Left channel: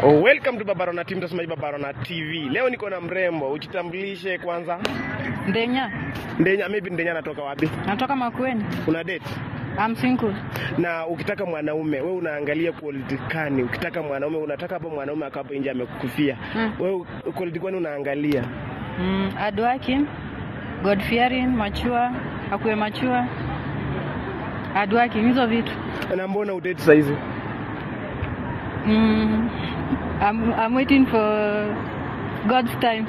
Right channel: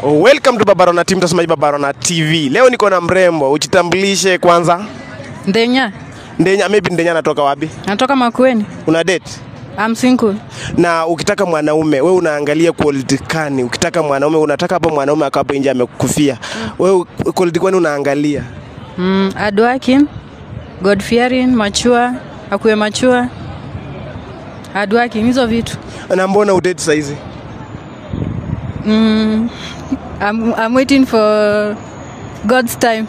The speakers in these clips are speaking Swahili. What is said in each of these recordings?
Oh, welcome to Babarona team, mtazamaji Babarona TV. Leo niko na mrembo, ujitambulishe kwanza. Ndenya. Ndenya, maybe Ndenya anatoka wapi? Natoka Makueni. Una date? I'm single. Na ukitaka mwanaume, wewe unaangalia quality gani? Ukitaka mwanaume, unataka hapo mwanaume akapo nje amekufia. Wewe quality gani unaangalia? Hardworking, God fearing, mature, akuwe mature. Hardworking, hizo vitu. Na mbona udate saizi? I'm waiting for God's time.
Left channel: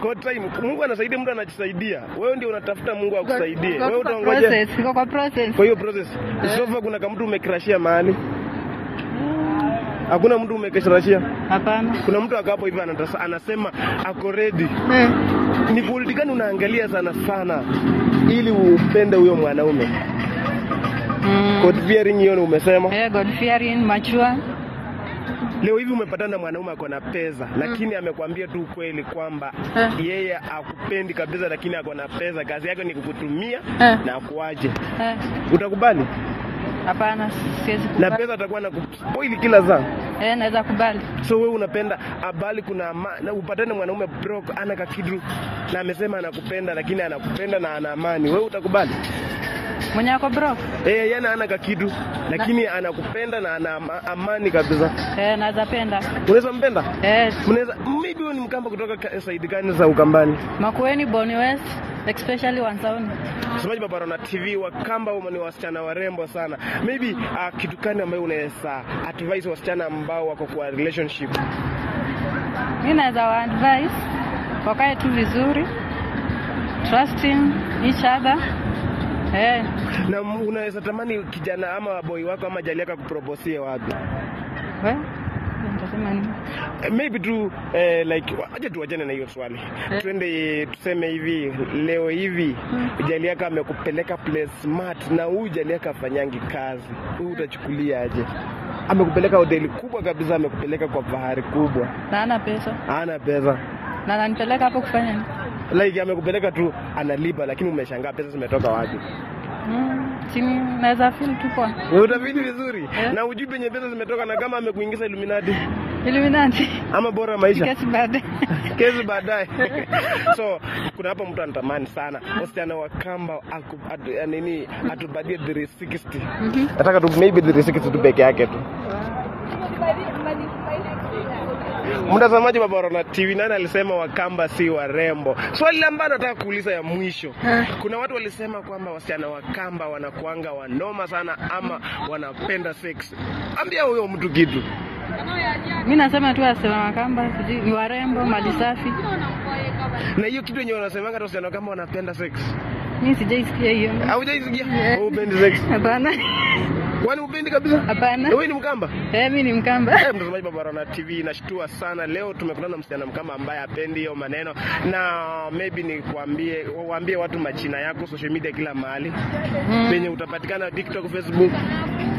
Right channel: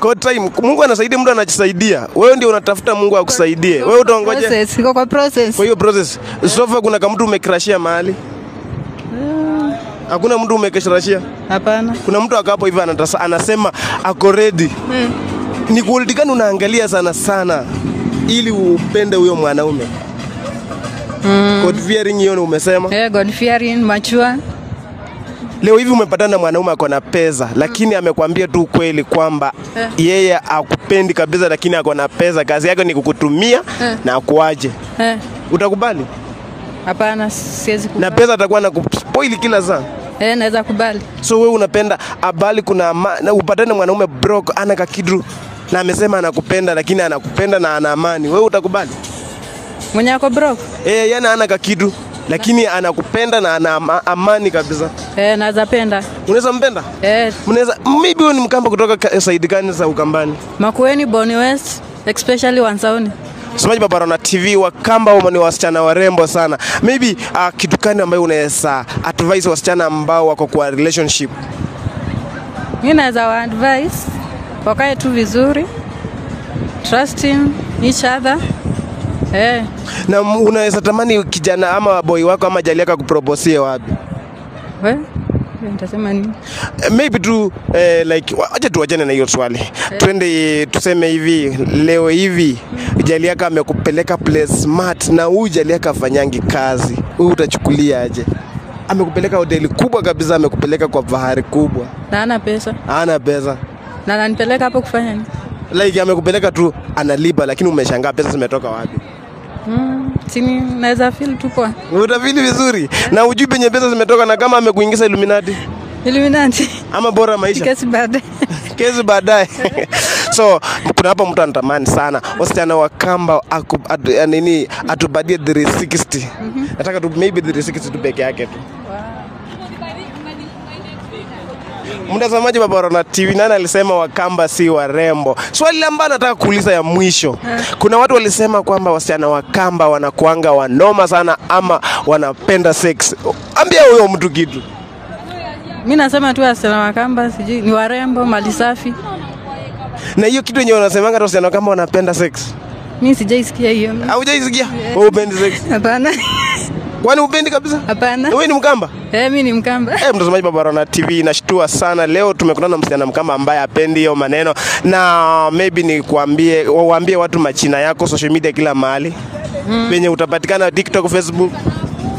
God time. Mungu anasaidia, mtu anajisaidia. Wewe ndio unatafuta Mungu akusaidie. Wewe utaongoje? Iko kwa process. Kwa hiyo process. Sofa kuna kama mtu umekrashia mahali? Hakuna mtu umekeshrashia? Hapana. Kuna mtu akapo hivi anasema ako ready. Ni quality gani unaangalia sana sana ili upende huyo mwanaume? God fearing hiyo umesema? God fearing, mature. Leo hivi umepatana na mwanaume ako na pesa, lakini amekwambia tu kweli kwamba yeye akupendi kabisa, lakini ako na pesa, kazi yake ni kukutumia na akuaje. Utakubali? Hapana, siwezi kubali. Na pesa atakuwa na kuspoil kila saa. Naweza kubali. So wewe unapenda abali kuna na upatane na mwanaume broke ana kakidu na amesema anakupenda, lakini anakupenda na ana amani. Wewe utakubali? Mwenye ako broke? Yana ana kakidu lakini anakupenda na ana amani kabisa. Naweza penda. Unaweza mpenda? Mnaweza maybe wewe ni Mkamba kutoka side gani za Ukambani? Makueni, Boni West, especially Wansauni. Mtazamaji Babarona TV, Wakamba wao ni wasichana warembo sana. Maybe kitu gani ambayo unaweza advise wasichana ambao wako kwa relationship? Mimi naweza advise wakae tu vizuri, trusting each other. Na unaweza tamani kijana ama boy wako ama jali yako kuproposie wapi? Nitasema nini? Maybe tu like acha tuachane na hiyo swali. Twende tuseme hivi leo hivi jali yako amekupeleka place smart na huyu jali yako afanyangi kazi. Wewe utachukulia aje? Amekupeleka hoteli kubwa kabisa, amekupeleka kwa bahari kubwa. Na ana pesa. Ana pesa. Na ananipeleka hapo kufanya nini? Like amekupeleka tu analipa, lakini umeshangaa pesa zimetoka wapi? Sini naweza feel tu kwa. Utafili vizuri. Na ujui penye pesa zimetoka, na kama amekuingiza Illuminati. Ama bora maisha. Kesi baadaye. So kuna hapa mtu anatamani sana wasichana wa Kamba atubadie 360. Nataka tu maybe 360 tu peke yake tu. Mtazamaji Babarona TV, nani alisema Wakamba si warembo? Swali ambalo nataka kuuliza ya mwisho. Kuna watu walisema kwamba wasichana wa Kamba wanakuanga wanoma sana ama wanapenda sex. Ambia huyo mtu kitu. Mimi nasema tu wasichana wa Kamba sijui ni warembo, mali safi. Na hiyo kitu yenyewe unasemanga tu wasichana wa Kamba wanapenda sex. Mimi sijaisikia hiyo. Haujaisikia? Wewe upendi sex? Hapana. Kwani upendi kabisa? Hapana. Wewe ni Mkamba? Mimi ni Mkamba. Mtazamaji Babarona TV, nashtua sana leo tumekutana na msichana Mkamba ambaye apendi hiyo maneno, na maybe ni waambie watu majina yako social media kila mahali. Penye utapatikana TikTok, Facebook.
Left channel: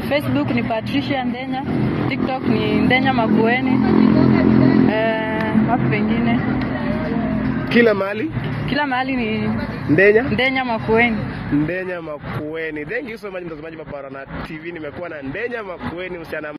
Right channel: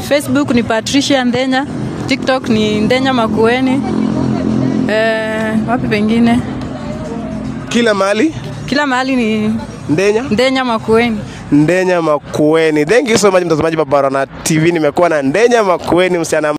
Facebook ni Patricia Ndenya, TikTok ni Ndenya Makueni. Wapi pengine? Kila mahali? Kila mahali ni Ndenya Makueni. Ndenya Makueni. Thank you so much mtazamaji Babarona TV. Nimekuwa na Ndenya Makueni, msichana